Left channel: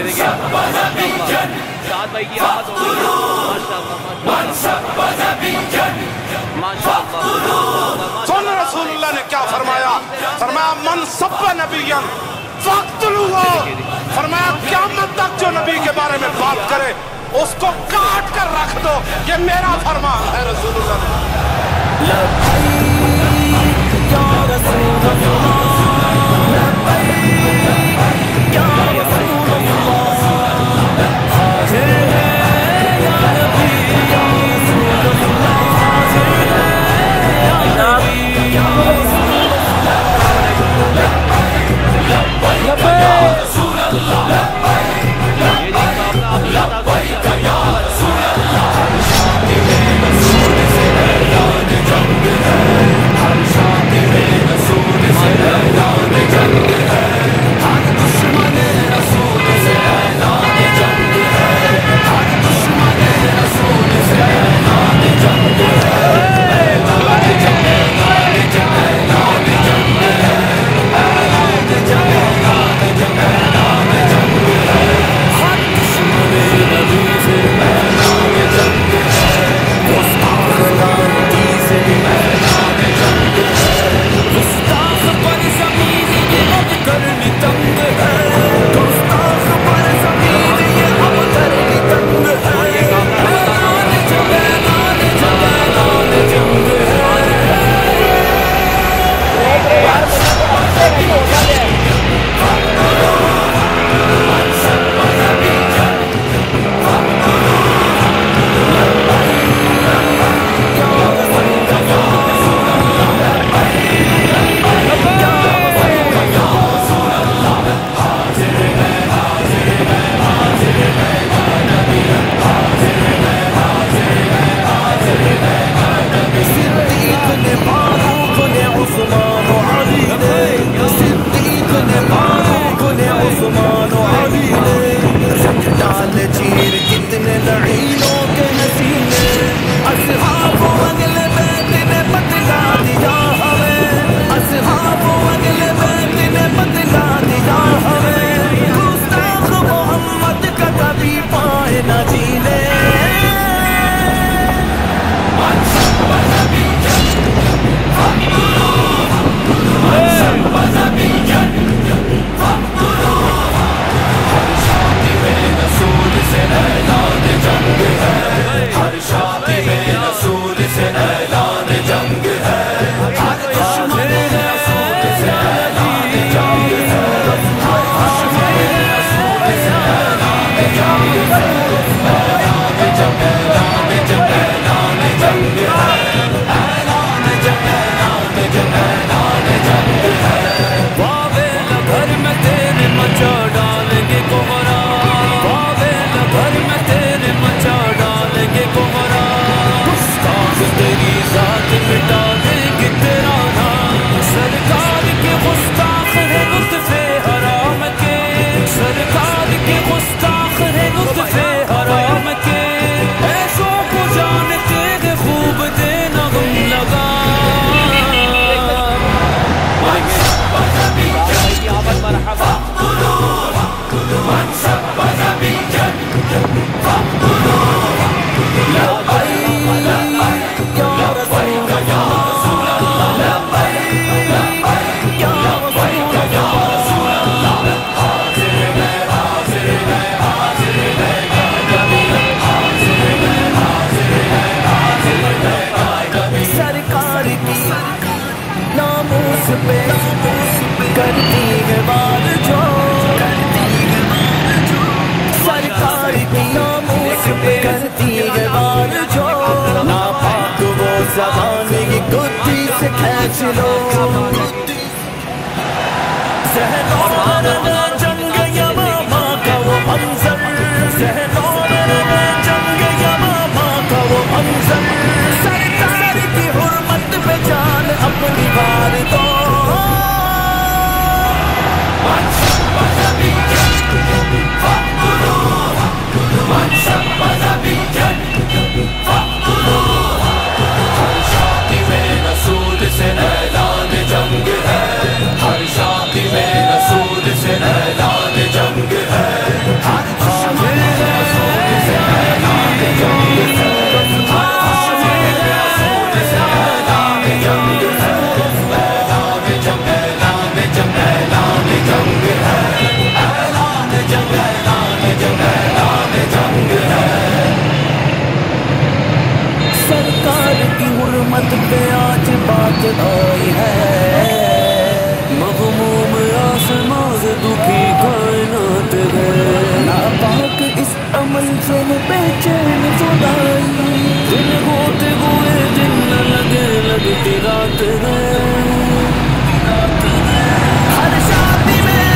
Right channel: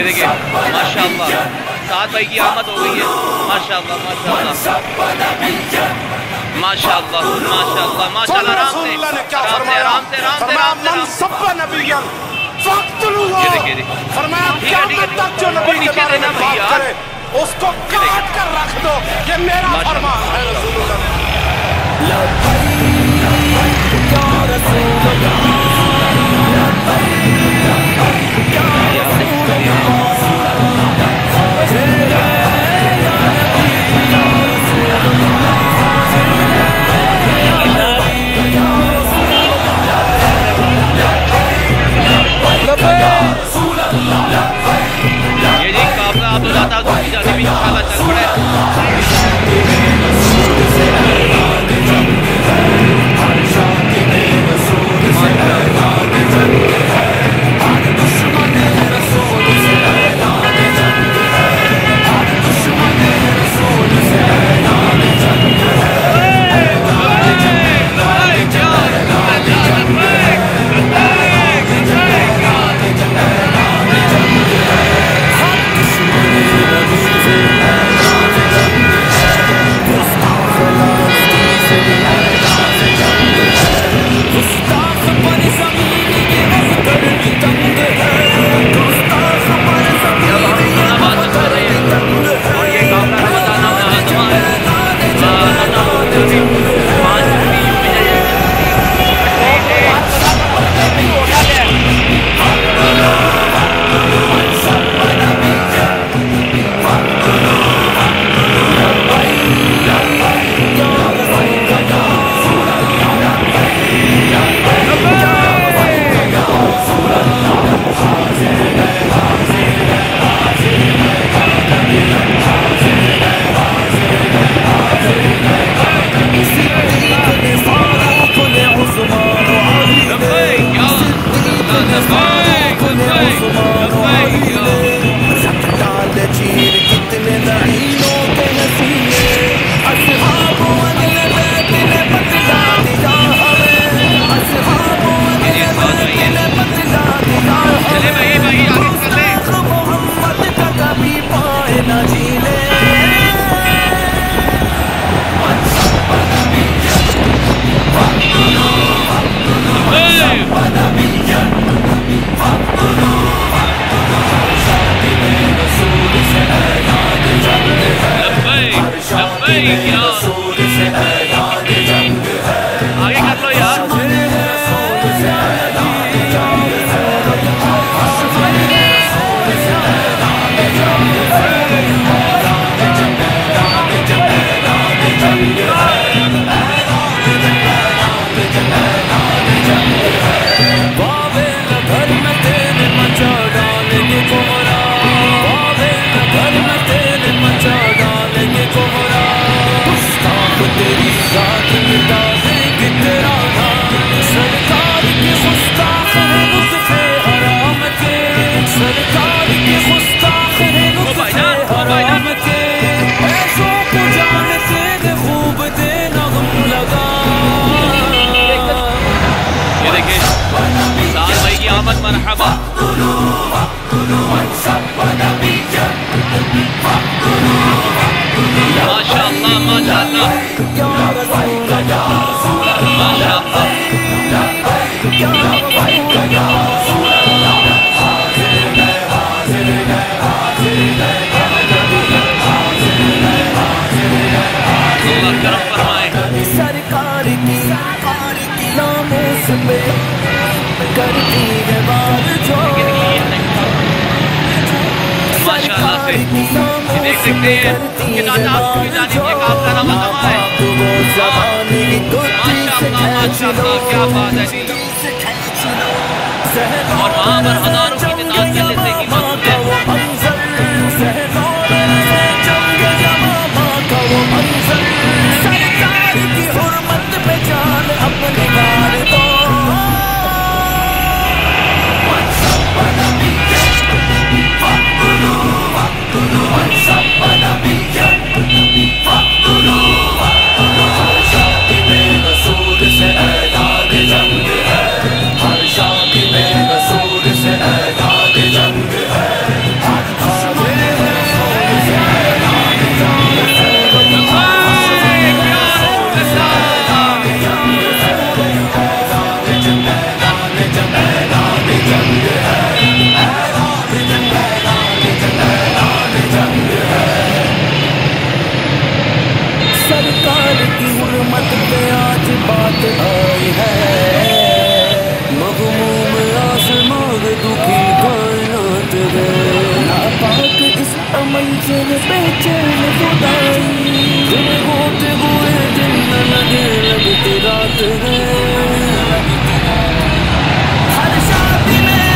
یہ دیکھیں ماشاءاللہ سعد بھائی کی آمد ہو گئی ہے. ماشاءاللہ ماشاءاللہ ماشاءاللہ ماشاءاللہ. رسول اللہ نے کیا فرمایا؟ فرمایا من سب نبیًا فاقتلوہ. فرمایا قیامت تک جو نبی کے بارے میں بات کرے اس کو کاٹ کر رکھ دو. یہ میرا فرمان ہے رسول اللہ. لبیک یا رسول اللہ لبیک یا رسول اللہ حاضر ہے یا نبی یا رسول اللہ حاضر ہے یا نبی یا رسول اللہ. یہ جی قابلہ عبداللہ تعالی ابھی بھی انشاءاللہ چل پڑے. مرحبا ماشاءاللہ ماشاءاللہ سرکار کی ناموس پہ کرتی ہے بار جو سرکار کی ناموس پہ کرتی ہے بار جو ناپاک وہ زبان کی گدی سے کھینچ لو ذہنوں میں رہے جنگ یمامہ کا وہ منظر ذہنوں میں رہے جنگ یمامہ کا وہ منظر سرکار کی حرمت پہ جان اپنی بار دو رسول سے پہ آج بات آئی ہے، مغموم آسماں دکھی کائنات ہے، ناپاک اس عمل سے بے چین خدائی، دن ہوتے ہوئے دن نہ لگے لگتی رات ہے، ہر شادی میں